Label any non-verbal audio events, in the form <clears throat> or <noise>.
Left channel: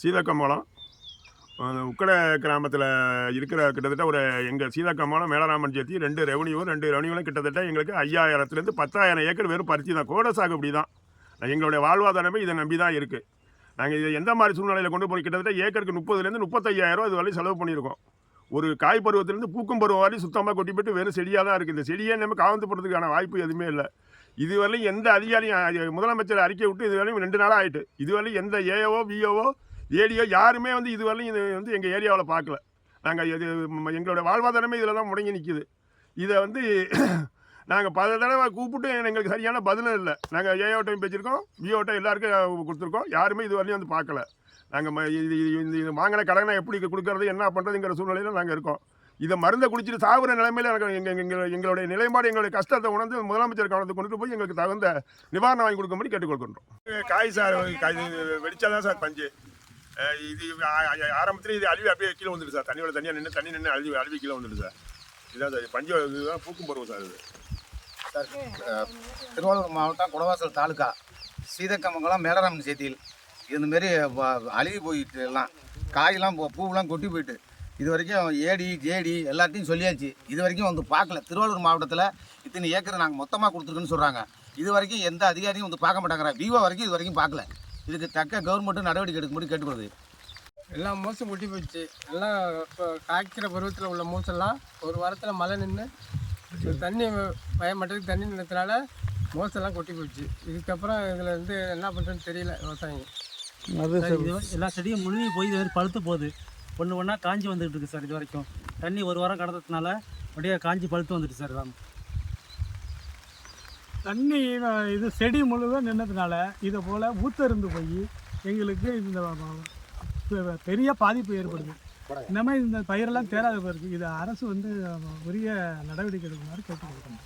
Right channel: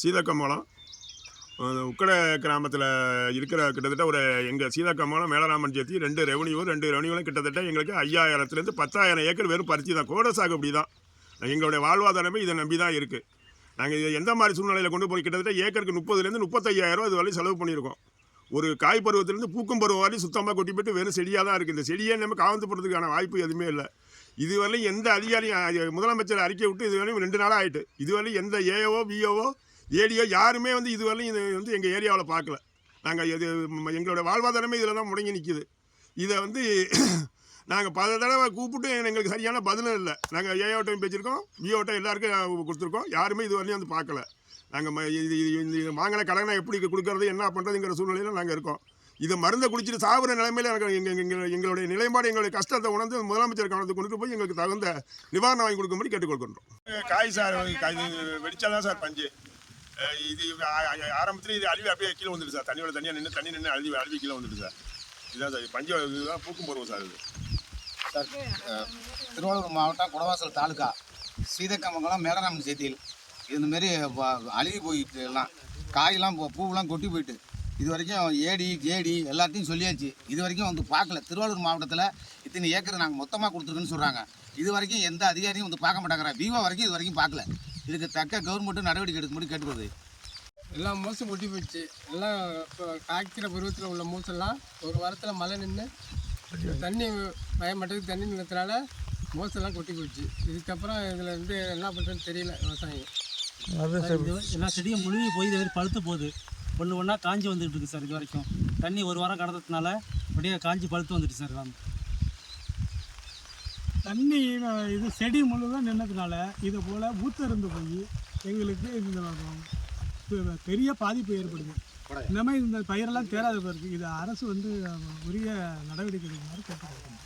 சீதக்கம்பலம் உக்கடை கிராமத்தில் இருக்கிற கிட்டத்தட்ட ஒரு எங்கள் சீதக்கம்பலம் மேலராமன் சேர்த்தி ரெண்டு ரெவன்யூவும் ரெண்டு ரெவன்யூவும் கிட்டத்தட்ட எங்களுக்கு ஐயாயிரத்துலேருந்து பத்தாயிரம் ஏக்கர் வெறும் பருத்தி தான். கோட சாகுபடி தான். எங்களுடைய வாழ்வாதாரமே இதை நம்பி தான் இருக்குது நாங்கள் இதை எந்த மாதிரி சூழ்நிலையில் கொண்டு போய் கிட்டத்தட்ட ஏக்கருக்கு முப்பதுலேருந்து முப்பத்தையாயிரம் அது வரையும் செலவு பண்ணியிருக்கோம். ஒரு காய் பருவத்திலேருந்து பூக்கும் பருவம் வரையும் சுத்தமாக கொட்டி போட்டு வெறும் செடியாக தான் இருக்குது இந்த செடியே நம்ம காவந்து போடுறதுக்கான வாய்ப்பு எதுவுமே இல்லை. இதுவரையும் எந்த அதிகாரியும் முதலமைச்சர் அறிக்கை விட்டு இதுவரையும் ரெண்டு நாளாக ஆகிட்டு இதுவரையும் எந்த ஏஓ பிஓஓ ஏடிஓ யாருமே வந்து இதுவரையும் இது வந்து எங்கள் ஏரியாவில் பார்க்கல நாங்கள் இது ம- எங்களோட வாழ்வாதாரமே இதில் தான் முடங்கி நிற்கிது இதை வந்து <clears throat> நாங்கள் பல தடவை கூப்பிட்டு எங்களுக்கு சரியான பதிலும் இல்லை. நாங்கள் ஏஓட்டையும் பேசியிருக்கோம் பிஓட்டையும் எல்லாருக்கும் கொடுத்துருக்கோம். யாருமே இதுவரையும் வந்து பார்க்கல நாங்கள் இது- இது இது வாங்கின கடனை எப்படி கொடுக்கறது என்ன பண்ணுறதுங்கிற சூழ்நிலையில் நாங்கள் இருக்கோம். இதை மருந்தை குடிச்சிட்டு சாகுற நிலைமையில எனக்கு எங்கள் எங்கள் எங்களுடைய நிலைப்பாடு எங்களுடைய கஷ்டத்தை உணர்ந்து முதலமைச்சர் கவனத்துக்கு கொண்டுட்டு போய் எங்களுக்கு தகுந்த நிவாரணம் வாங்கி கொடுக்கும்படி கேட்டுக்கொள்கின்றோம். காய் சார் காய் வெடிச்சாதான் சார் பஞ்சு. இது ஆரம்பத்தில் இது அழுவி அப்படியே கீழே வந்துடுது சார். தண்ணியோட தனியாக நின்று தண்ணி நின்று அழுவி அழுவி கீழே வந்துடுது சார். இதுதான் சார் பஞ்சு இதுதான் பூக்கும் பருவம் சார் இது. சார் திருவாரூர் மாவட்டம் குடவாசல் தாலுகா சீதக்கமங்கலம் மேலராமன் சேத்தியில். இந்தமாரி அழுகி போயிட்டு எல்லாம் காயெல்லாம் பூவெல்லாம் கொட்டி போயிட்டு இது வரைக்கும் ஏடி ஜேடி எல்லாத்தையும் சொல்லியாச்சு. இது வரைக்கும் வந்து பார்க்கல. திருவாரூர் மாவட்டத்தில் இத்தனை ஏக்கர் நாங்கள் மொத்தமாக கொடுத்துருக்குன்னு சொல்கிறாங்க இது வரைக்கும் எந்த அதிகாரியும் வந்து பார்க்க மாட்டாங்கிறா. விவோ வரைக்கும் இது வரைக்கும் பார்க்கல. இதுக்கு தக்க கவர்மெண்ட்டும் நடவடிக்கை எடுக்கும்படி கேட்டுக்கொள்வது எல்லாம் மோசம் கொட்டி போயிடுச்சு எல்லாம் இப்போ காய்க்கிற பருவத்தில் உள்ள மோசெல்லாம் ஒரு வாரத்தில் மழை நின்று தண்ணி பயமட்டதுக்கு தண்ணி நின்றதுனால மோசெல்லாம் கொட்டி போயிடுச்சு இதுக்கப்புறம் இதில் வந்து என்ன பண்ணுறதுன்னு தெரியல விவசாயிங்க. எல்லா செடியும் முழுகி போய் இது பழுத்து போகுது. ஒன்று ஒன்றா காஞ்சி வந்துகிட்டு இருக்கு சார் இது வரைக்கும். தண்ணி ஒரு வாரம் கடந்ததுனால அப்படியே காஞ்சி பழுத்து வந்துட்டு சார் வாங்க தண்ணி இது செடி முழுவதும் நின்னதுனால இதை போல் ஊத்தருந்து போய் எங்களுக்கு இந்த பெரிய பாதிப்பு ஏற்படுது. இந்த மாதிரி இந்த பயிரெல்லாம் தேராத போயிருக்கு இது அரசு வந்து உரிய நடவடிக்கை எடுக்குமாறு கேட்டுக்கொடுக்கணும்